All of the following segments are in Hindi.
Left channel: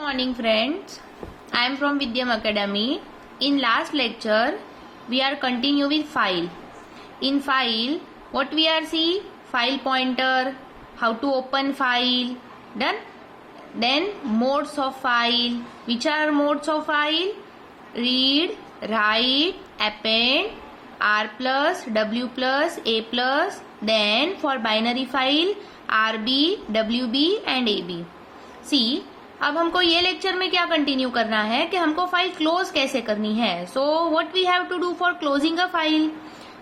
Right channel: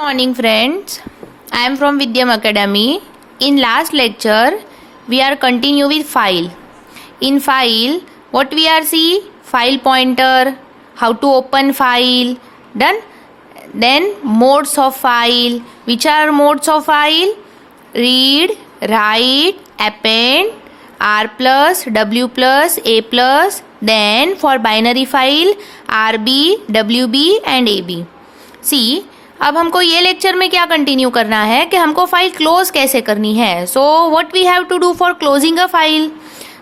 Morning friends, I am from Vidyam Academy. In last lecture we are continue with file. In file what we are see? File pointer, how to open file, done. Then modes of file. Which are modes of file? Read, write, append, R plus, W plus, A plus. Then for binary file RB, WB and AB. See, अब हमको ये लेक्चर में क्या कंटिन्यू करना है कि हमको फाइल क्लोज कैसे करनी है. So what we have to do for closing a file.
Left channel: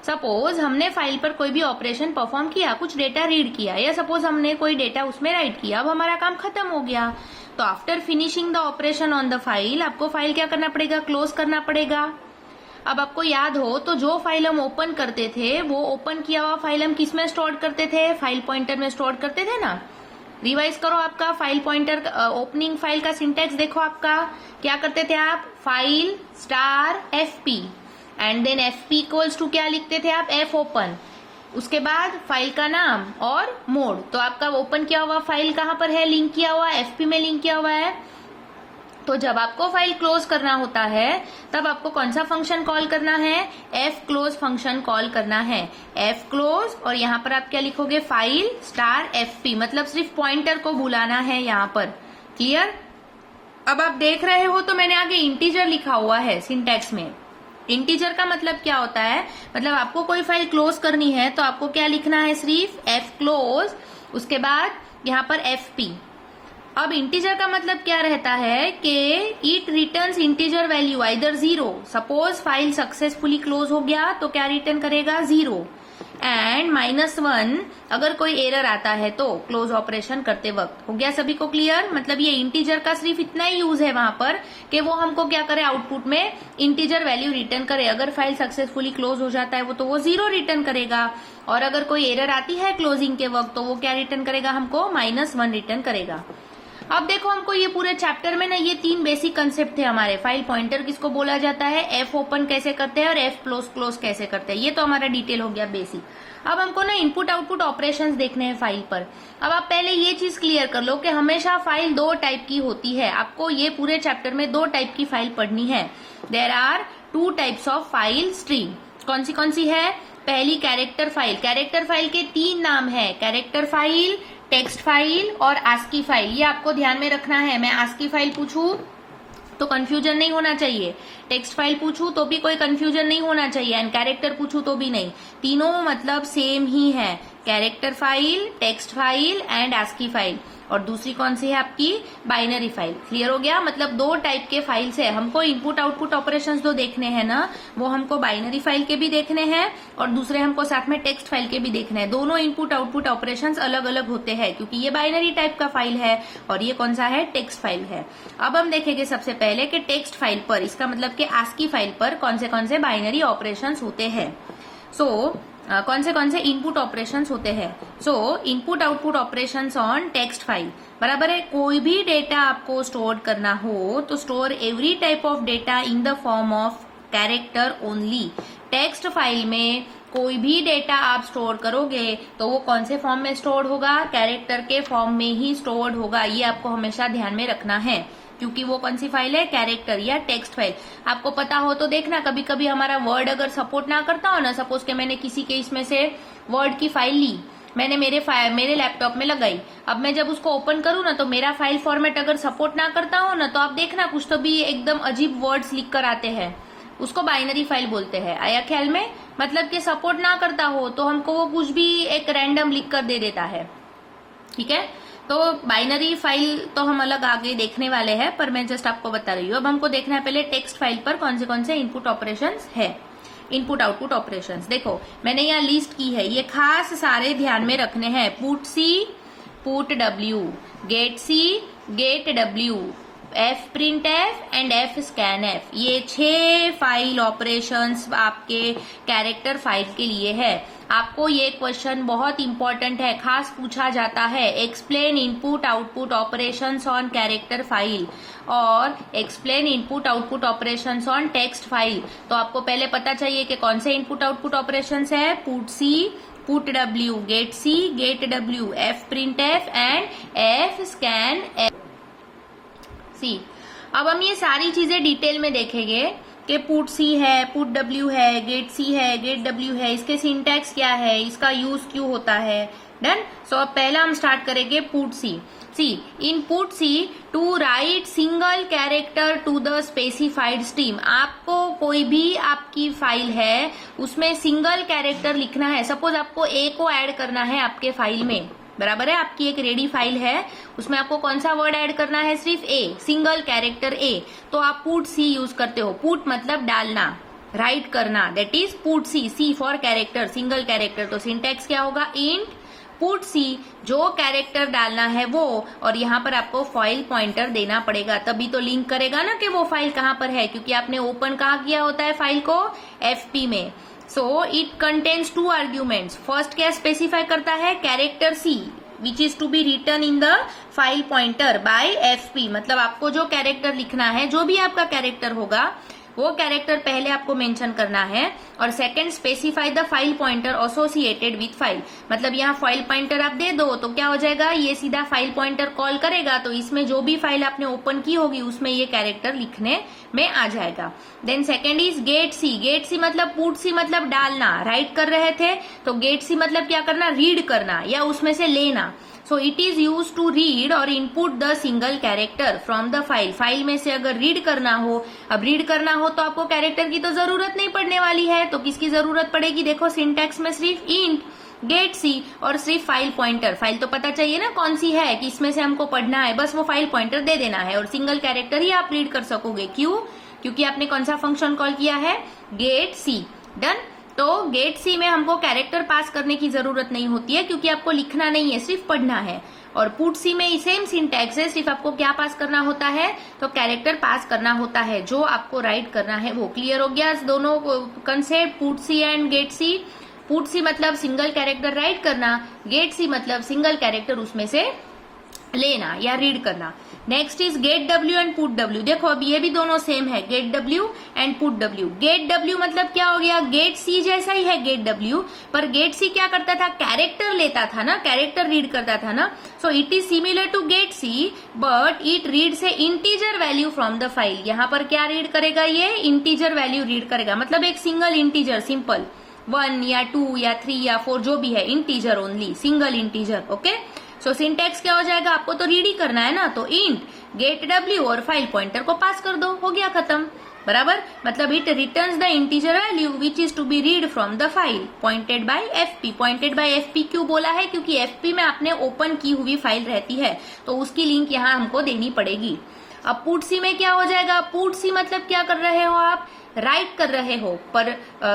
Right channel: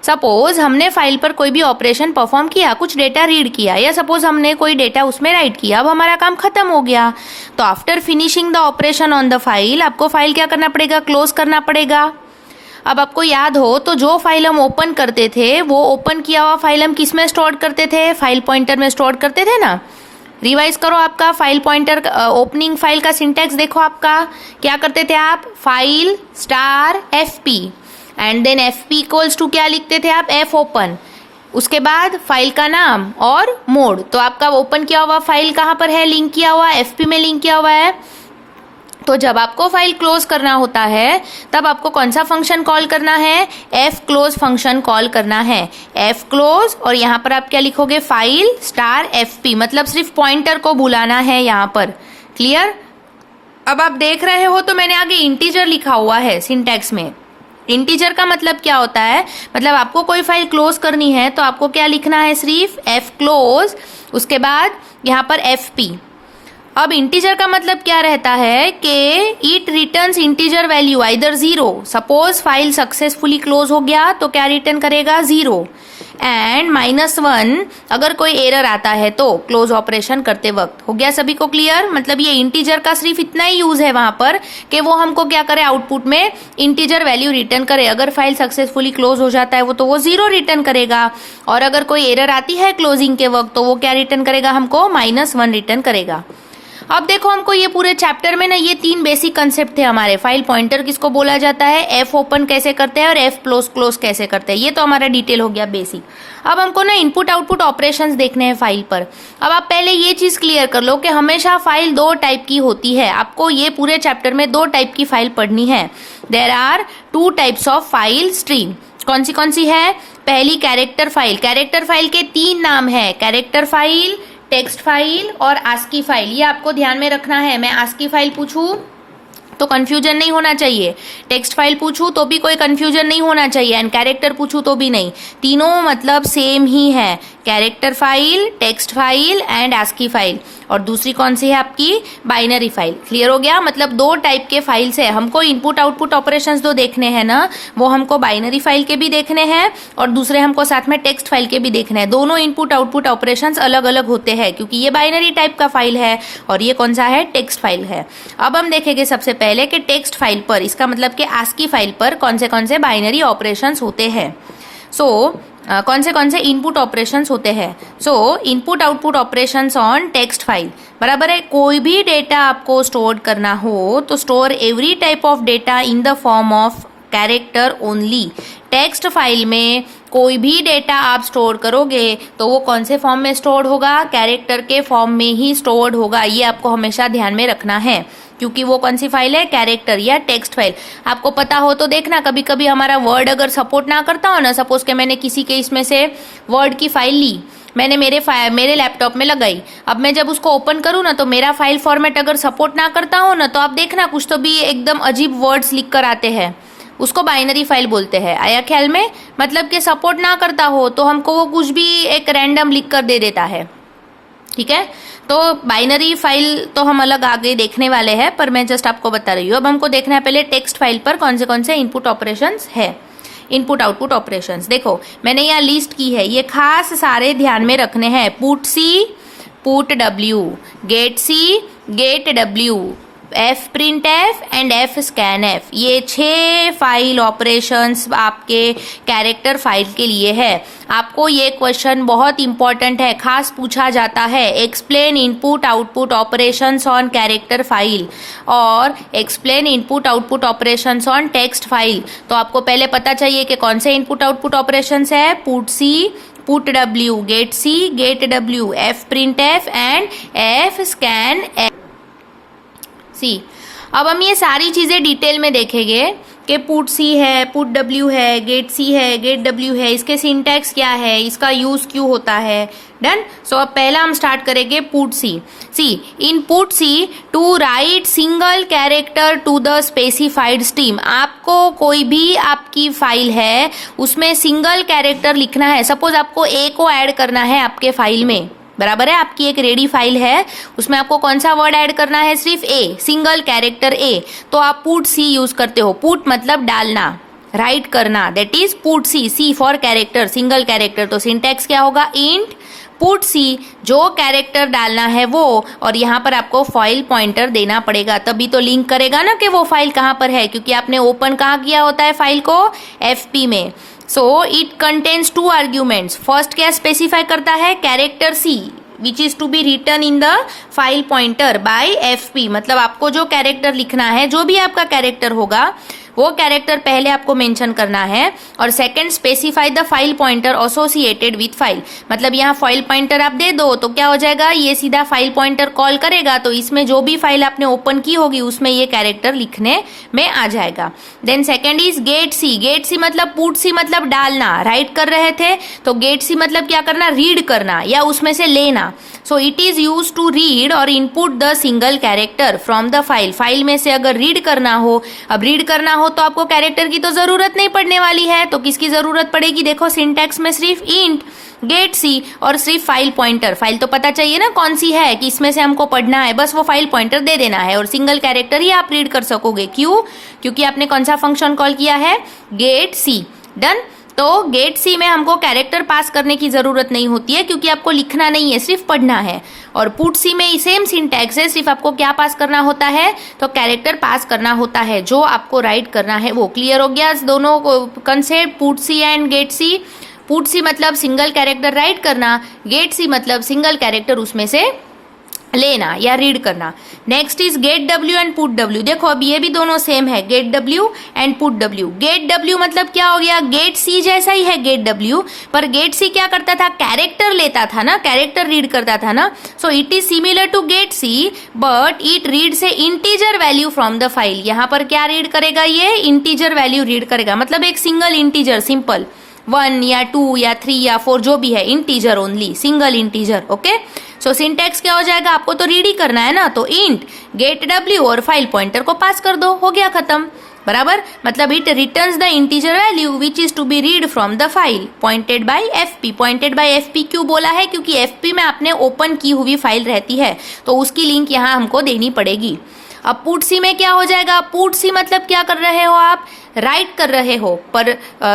Suppose हमने फाइल पर कोई भी ऑपरेशन परफॉर्म किया, कुछ डेटा रीड किया, या सपोज हमने कोई डेटा उसमें राइट किया. अब हमारा काम खत्म हो गया, तो after finishing the operation on the file आपको फाइल क्या करना पड़ेगा? क्लोज करना पड़ेगा. अब आपको याद हो तो जो फाइल हम ओपन करते थे वो ओपन किया हुआ फाइल हम किस में स्टोर करते थे? फाइल पॉइंटर में स्टोर करते थे ना. रिवाइज करो आपका फाइल पॉइंटर ओपनिंग फाइल का सिंटैक्स देखो. आपका क्या करते थे आप? File star FP and then FP equals to क्या लिखते थे आप? F open. उसके बाद फाइल का नाम और मोड. तो आपका ओपन किया हुआ फाइल कहाँ पर है? लिंक किया हुआ FP में लिंक किया हुआ है. तो जब आपको फाइल क्लोज करना होता है तब आपको कौन सा फंक्शन कॉल करना है? F क्लोज फंक्शन कॉल करना है. F क्लोज और यहाँ पर आप क्या लिखोगे? File star FP. मतलब सिर्फ पॉइंटर को बुलाना है यहाँ पर. क्लियर? अब आप देख रहे हो तो मैंने आगे इंटीजर लिखा हुआ है सिंटैक्स में. इंटीजर का मतलब क्या होता है? मतलब आपको कोई फाइल क्लोज करनी है तो आपको क्या लिखना है? सिर्फ F क्लोज, उसके बाद यहाँ पर FP. अब इंटीजर का मतलब क्या रहता है कि it returns integer value either 0. Suppose file successfully close हो गया तो क्या रिटर्न करेगा? 0 एंड -1 अगर कोई एरर आता है तो क्लोज ऑपरेशन करते वक्त. हो गया सभी को क्लियर? मतलब ये इंटीजर का सिर्फ इतना ही यूज है वहां पर कि वो हमको क्या करे? आउटपुट में इंटीजर वैल्यू रिटर्न करे. अगर फाइल सक्सेसफुली क्लोज हो जाता है वो तो वो 0 रिटर्न करेगा, और अगर कोई एरर आती है क्लोजिंग के वक्त तो वो क्या रिटर्न करेगा? हमको -1 रिटर्न करेगा. अब देखो हमको ये पूरे चैप्टर में ना ये 3 बेसिक कंसेप्ट थे हमारे. फाइल पॉइंटर किसको बोला जाता है, F ओपन कैसे करते हैं और F क्लोज कैसे करते हैं. ये तो हमारा डिटेल हो गया बेसिक. अब हमको ना इनपुट आउटपुट ऑपरेशंस देखने हैं फाइल पर. अब आप पहले ये चीज क्लियर कर लो कि हमेशा फाइल 2 टाइप की होती है. आपको ये पूरे चैप्टर में 2 टाइप की फाइल पढ़नी है. There are 2 types of file stream. कौन सी है? पहली कैरेक्टर फाइल. कैरेक्टर फाइल के 3 नाम है: कैरेक्टर फाइल, टेक्स्ट फाइल और ASCII फाइल. ये आपको ध्यान में रखना है. मैं ASCII फाइल पूछूं तो कंफ्यूजन नहीं होना चाहिए, टेक्स्ट फाइल पूछूं तो भी कोई कंफ्यूजन नहीं होना चाहिए, एंड कैरेक्टर पूछूं तो भी नहीं. तीनों मतलब सेम ही है. Character file, text file and ASCII file. और दूसरी कौन सी है आपकी? Binary file. क्लियर हो गया? मतलब 2 टाइप के फाइल्स है. हमको इनपुट आउटपुट ऑपरेशंस 2 देखने हैं ना, वो हमको बाइनरी फाइल के भी देखने हैं और दूसरे हमको साथ में टेक्स्ट फाइल के भी देखने हैं. दोनों इनपुट आउटपुट ऑपरेशंस अलग अलग होते हैं क्योंकि ये बाइनरी टाइप का फाइल है और ये कौन सा है? टेक्स्ट फाइल है. अब हम देखेंगे सबसे पहले कि टेक्स्ट फाइल पर, इसका मतलब कि ASCII फाइल पर कौन से बाइनरी ऑपरेशंस होते हैं. सो कौन से इनपुट ऑपरेशंस होते हैं. सो input output operations on text file. बराबर है. कोई भी डेटा आपको स्टोर करना हो तो store every type of data in the form of character only. Text file में कोई भी डेटा आप स्टोर करोगे तो वो कौन से फॉर्म में स्टोर होगा? कैरेक्टर के फॉर्म में ही स्टोर्ड होगा. ये आपको हमेशा ध्यान में रखना है क्योंकि वो कौन सी फाइल है? कैरेक्टर या टेक्स्ट फाइल. आपको पता हो तो देखना, कभी कभी हमारा वर्ड अगर सपोर्ट ना करता हो ना, सपोज के मैंने किसी के इसमें से वर्ड की फाइल ली, मैंने मेरे लैपटॉप में लगाई. अब मैं जब उसको ओपन करूँ ना तो मेरा फाइल फॉर्मेट अगर सपोर्ट ना करता हो ना तो आप देखना कुछ तो भी एकदम अजीब वर्ड्स लिख कर आते हैं. उसको बाइनरी फाइल बोलते हैं. आया ख्याल में? मतलब कि सपोर्ट ना करता हो तो हमको वो कुछ भी एक रैंडम लिख कर दे देता है. ठीक है? तो बाइनरी फाइल तो हम अलग आगे देखने वाले हैं, पर मैं जस्ट आपको बता रही हूँ. अब हमको देखना है पहले टेक्स्ट फाइल पर कौन से इनपुट ऑपरेशंस है. इनपुट आउटपुट ऑपरेशंस देखो मैंने यहाँ लिस्ट की है. ये खास सारे ध्यान में रखने हैं. Put C, put W, get C, get W, F print F and F scan F. ये 6 फाइल ऑपरेशंस आपके कैरेक्टर फाइल के लिए है. आपको ये क्वेश्चन बहुत इंपॉर्टेंट है, खास पूछा जाता है. Explain input output operations on character file और explain input output operations on text file. तो आपको पहले पता चाहिए कि कौन से इनपुट आउटपुट ऑपरेशंस है. Put C, put W, get C, get W, F print F and F scan F. See, अब हम ये सारी चीज़ें डिटेल में देखेंगे कि पुट सी है, पुट डब्ल्यू है, गेट सी है, गेट डब्ल्यू है, इसके सिंटैक्स क्या है, इसका यूज क्यों होता है। डन। सो अब पहला हम स्टार्ट करेंगे पुट सी। सी, इन put C to write single character to the specified stream. आपको कोई भी आपकी फाइल है उसमें सिंगल कैरेक्टर लिखना है। सपोज आपको ए को ऐड करना है आपके फाइल में, बराबर है, आपकी एक रेडी फाइल है, उसमें आपको कौन सा वर्ड ऐड करना है, सिर्फ ए, सिंगल कैरेक्टर ए, तो आप पुट सी यूज करते हो। पुट मतलब डालना, राइट करना, that is put C. C for character, single character, तो सिंटैक्स क्या होगा, इंट पुट सी, जो कैरेक्टर डालना है वो, और यहाँ पर आपको फाइल पॉइंटर देना पड़ेगा, तभी तो लिंक करेगा ना कि वो फाइल कहाँ पर है, क्योंकि आपने ओपन कहाँ किया होता है फाइल को, एफपी में। So it contains 2 arguments. First क्या स्पेसिफाई करता है, character C which is to be return in the file pointer by FP, मतलब आपको जो कैरेक्टर लिखना है, जो भी आपका कैरेक्टर होगा वो कैरेक्टर पहले आपको मेंशन करना है। और second, specify the file pointer associated with file, मतलब यहाँ फाइल पॉइंटर आप दे दो तो क्या हो जाएगा, ये सीधा फाइल पॉइंटर कॉल करेगा, तो इसमें जो भी फाइल आपने ओपन की होगी उसमें ये कैरेक्टर लिखने में आ जाएगा। Then second is get C. Get C मतलब पुट सी मतलब डालना, राइट कर रहे थे तो गेट सी मतलब क्या करना, रीड करना या उसमें से लेना। So it is use to read और input the single character from the file. File में से अगर रीड करना हो, अब रीड करना हो तो आपको कैरेक्टर की तो जरूरत नहीं पड़ने वाली है, तो किसकी जरूरत पड़ेगी, देखो सिंटैक्स में सिर्फ इंट गेट सी और सिर्फ फाइल पॉइंटर। फाइल तो पता चाहिए ना कौन सी है, कि इसमें से हमको पढ़ना है, बस वो फाइल पॉइंटर दे देना है और सिंगल कैरेक्टर ही आप रीड कर सकोगे। क्यों, क्योंकि आपने कौन सा फंक्शन कॉल किया है, गेट सी। डन। तो गेट सी में हमको कैरेक्टर पास करने की जरूरत नहीं होती है, क्योंकि आपको लिखना नहीं है, सिर्फ पढ़ना है। और पुट सी में सेम सिंटैक्स है, सिर्फ आपको क्या पास करना होता है, तो कैरेक्टर पास करना होता है, जो आपको राइट करना है वो। क्लियर हो गया दोनों concept, put C and get C. Put C मतलब सिंगल कैरेक्टर राइट करना, गेट सी मतलब सिंगल कैरेक्टर उसमें से लेना या रीड करना। Next is get W and put W. देखो अब ये भी दोनों सेम है, get W and put W. Get W मतलब क्या हो गया, गेट सी जैसा ही है गेट डब्ल्यू, पर गेट सी क्या करता था, कैरेक्टर लेता था ना, कैरेक्टर रीड करता था ना। So it is similar to get C but it reads integer value from the file. यहाँ पर क्या रीड करेगा, ये इंटीजर वैल्यू रीड करेगा, मतलब एक सिंगल इंटीजर, सिंपल 1 या 2 या 3 या 4 जो भी है, integer only, single integer. Okay, so syntax क्या हो जाएगा, आपको तो रीड ही करना है ना, तो इंट गेट डब्ल्यू और फाइल पॉइंटर को पास कर दो, हो गया खत्म, बराबर। मतलब it returns the integer value which is to be read from the file pointed by FP. Pointed by FP क्यों बोला है, क्योंकि एफपी में आपने ओपन की हुई फाइल रहती है, तो उसकी लिंक यहाँ हमको देनी पड़ेगी। अब पुट सी में क्या हो जाएगा, पुट सी मतलब क्या कर रहे हो आप, राइट कर रहे हो, पर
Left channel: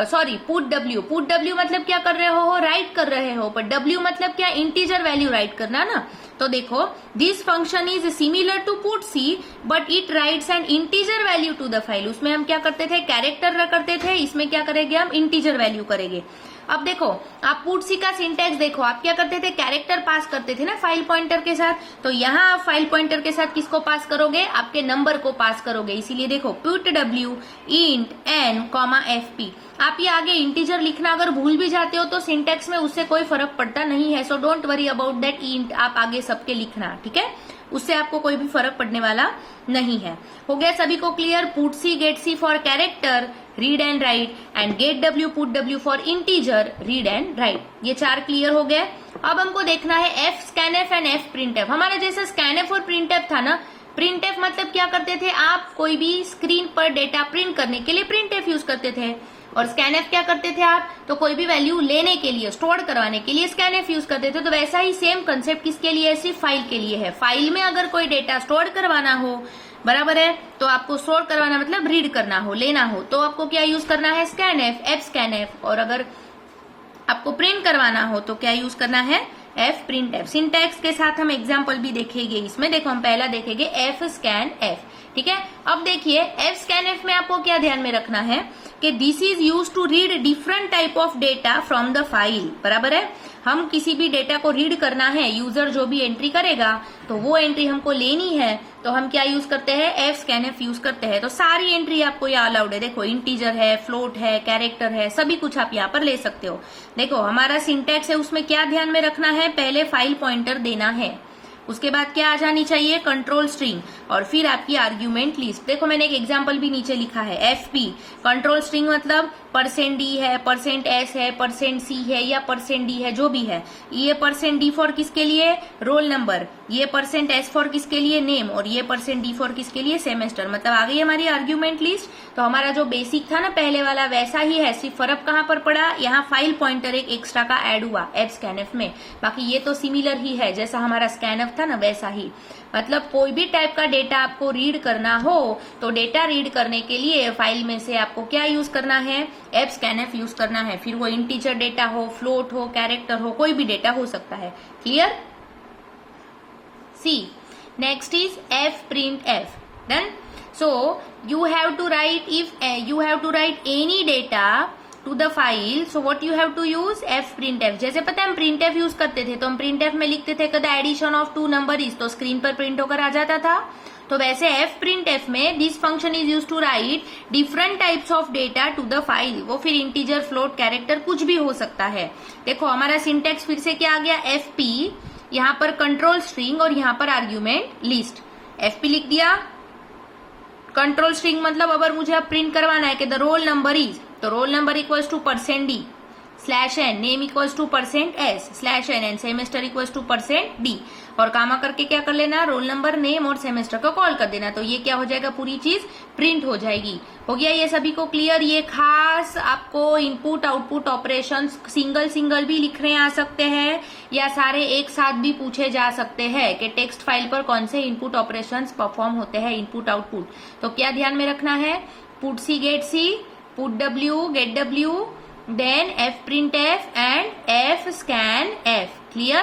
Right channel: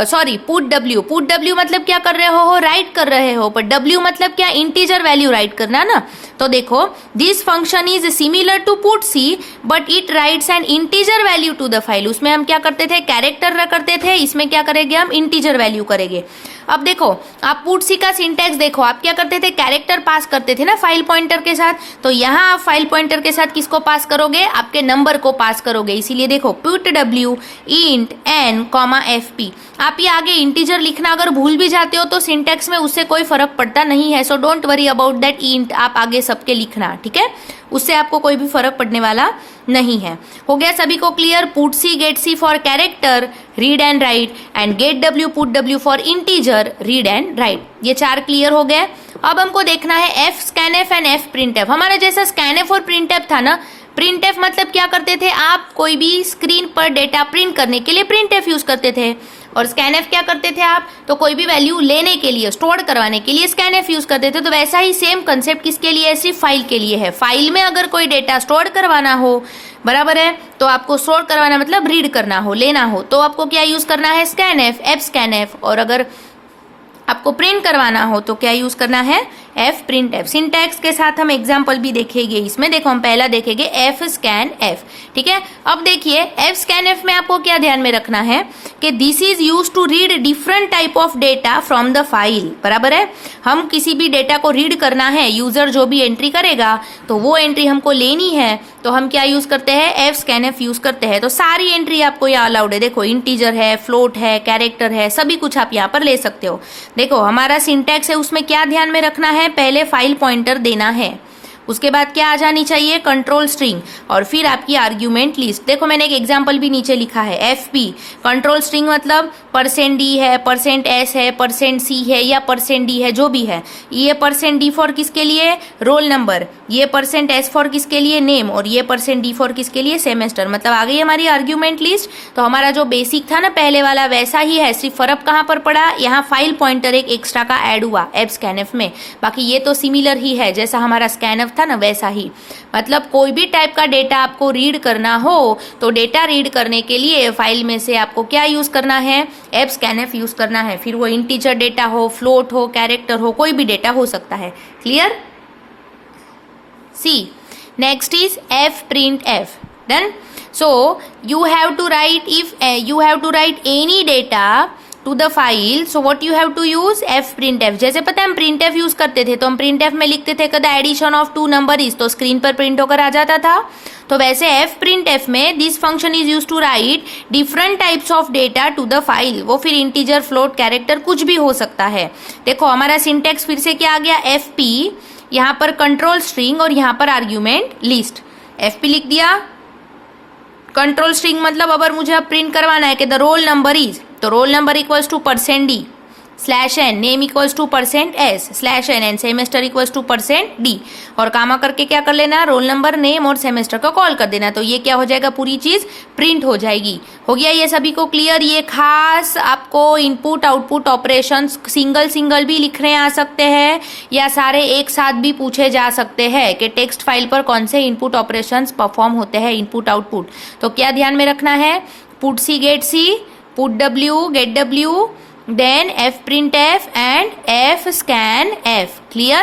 sorry put W, put W मतलब क्या कर रहे हो, राइट कर रहे हो, पर डब्ल्यू मतलब क्या, इंटीजर वैल्यू राइट करना ना। तो देखो this function is similar to put C but it writes an integer value to the file. उसमें हम क्या करते थे, कैरेक्टर करते थे, इसमें क्या करेंगे हम, इंटीजर वैल्यू करेंगे। अब देखो आप पुट सी का सिंटैक्स देखो, आप क्या करते थे, कैरेक्टर पास करते थे ना फाइल पॉइंटर के साथ, तो यहाँ आप फाइल पॉइंटर के साथ किसको पास करोगे, आपके नंबर को पास करोगे। इसीलिए देखो put W int N comma F P. आप ये आगे इंटीजर लिखना अगर भूल भी जाते हो तो सिंटैक्स में उससे कोई फर्क पड़ता नहीं है, so don't worry about that int, आप आगे सबके लिखना, ठीक है, उससे आपको कोई भी फर्क पड़ने वाला नहीं है। हो गया सभी को clear, put C get C for character read and write and get W put W for integer read and write. ये 4 क्लियर हो गए। अब हमको देखना है F scan F and F print F. हमारा जैसा स्कैन एफ और प्रिंट एफ था ना, प्रिंट एफ मतलब क्या करते थे, आप कोई भी स्क्रीन पर डेटा प्रिंट करने के लिए प्रिंट एफ यूज करते थे, और स्कैन एफ क्या करते थे आप, तो कोई भी वैल्यू लेने के लिए, स्टोर करवाने के लिए स्कैन एफ यूज करते थे। तो वैसा ही सेम कंसेप्ट किसके लिए है, सिर्फ फाइल के लिए है। फाइल में अगर कोई डेटा स्टोर करवाना हो, बराबर है, तो आपको स्टोर करवाना मतलब रीड करना हो, लेना हो, तो आपको क्या यूज करना है, स्कैन एफ स्कैन एफ। और अगर आपको प्रिंट करवाना हो तो क्या यूज करना है, एफ प्रिंट एफ। सिंटैक्स के साथ हम एग्जांपल भी देखेंगे इसमें। देखो हम पहला देखेंगे एफ स्कैन एफ, ठीक है। अब देखिए एफ स्कैन एफ में आपको क्या ध्यान में रखना है कि this is use to read different type of data from the file, बराबर है। हम किसी भी डेटा को रीड करना है, यूजर जो भी एंट्री करेगा तो वो एंट्री हमको लेनी है, तो हम क्या यूज करते हैं, एफ स्कैन एफ यूज करते हैं। तो सारी एंट्री आपको यहाँ अलाउड है, देखो इंटीजर है, फ्लोट है, कैरेक्टर है, सभी कुछ आप यहाँ पर ले सकते हो। देखो हमारा सिंटैक्स है, उसमें क्या ध्यान में रखना है, पहले फाइल पॉइंटर देना है, उसके बाद क्या आ जानी चाहिए, कंट्रोल स्ट्रिंग, और फिर आपकी आर्ग्यूमेंट लिस्ट। देखो मैंने एक एग्जांपल भी नीचे लिखा है, FP कंट्रोल स्ट्रिंग मतलब %d है, %s है, %c है या %d है, जो भी है। ये %d फॉर किसके लिए, रोल नंबर, ये %s फॉर किसके लिए, नेम, और ये %d फॉर किसके लिए, सेमेस्टर। मतलब आ गई हमारी आर्ग्यूमेंट लिस्ट। तो हमारा जो बेसिक था ना पहले वाला वैसा ही है, सिर्फ फर्क कहाँ पर पड़ा, यहाँ फाइल पॉइंटर एक एक्स्ट्रा का ऐड हुआ एप स्कैनफ में, बाकी ये तो सिमिलर ही है, जैसा हमारा स्कैनफ था ना वैसा ही। मतलब कोई भी टाइप का डेटा आपको रीड करना हो तो डेटा रीड करने के लिए फाइल में से आपको क्या यूज करना है, एप स्कैनफ यूज करना है। फिर वो इंटीजर डेटा हो, फ्लोट हो, कैरेक्टर हो, कोई भी डेटा हो सकता है। Clear? See next is fprintf. Done. So you have to write, if you have to write any data to the file, so what you have to use, fprintf. जैसे पता है हम printf यूज करते थे तो हम printf में लिखते थे कदा एडिशन ऑफ 2 नंबर इज, तो स्क्रीन पर प्रिंट होकर आ जाता था। तो वैसे fprintf में this function is use to write different types of data to the file. वो फिर इंटीजर, फ्लोट, कैरेक्टर कुछ भी हो सकता है। देखो हमारा सिंटेक्स फिर से क्या आ गया, fp, यहाँ पर कंट्रोल स्ट्रिंग और यहाँ पर आर्ग्यूमेंट लिस्ट। fp लिख दिया, कंट्रोल स्ट्रिंग मतलब अगर मुझे अब प्रिंट करवाना है कि द रोल नंबर इज, तो roll number equals to %d /n, name equals to %s /n and semester equals to %d, और कामा करके क्या कर लेना, रोल नंबर, नेम और सेमेस्टर को कॉल कर देना। तो ये क्या हो जाएगा, पूरी चीज प्रिंट हो जाएगी। हो गया ये सभी को क्लियर? ये खास आपको input output operation single single भी लिखने आ सकते हैं या सारे एक साथ भी पूछे जा सकते हैं कि टेक्स्ट फाइल पर कौन से इनपुट ऑपरेशंस परफॉर्म होते हैं, इनपुट आउटपुट। तो क्या ध्यान में रखना है, put C get C, put w get w, then fprintf and fscanf. Clear?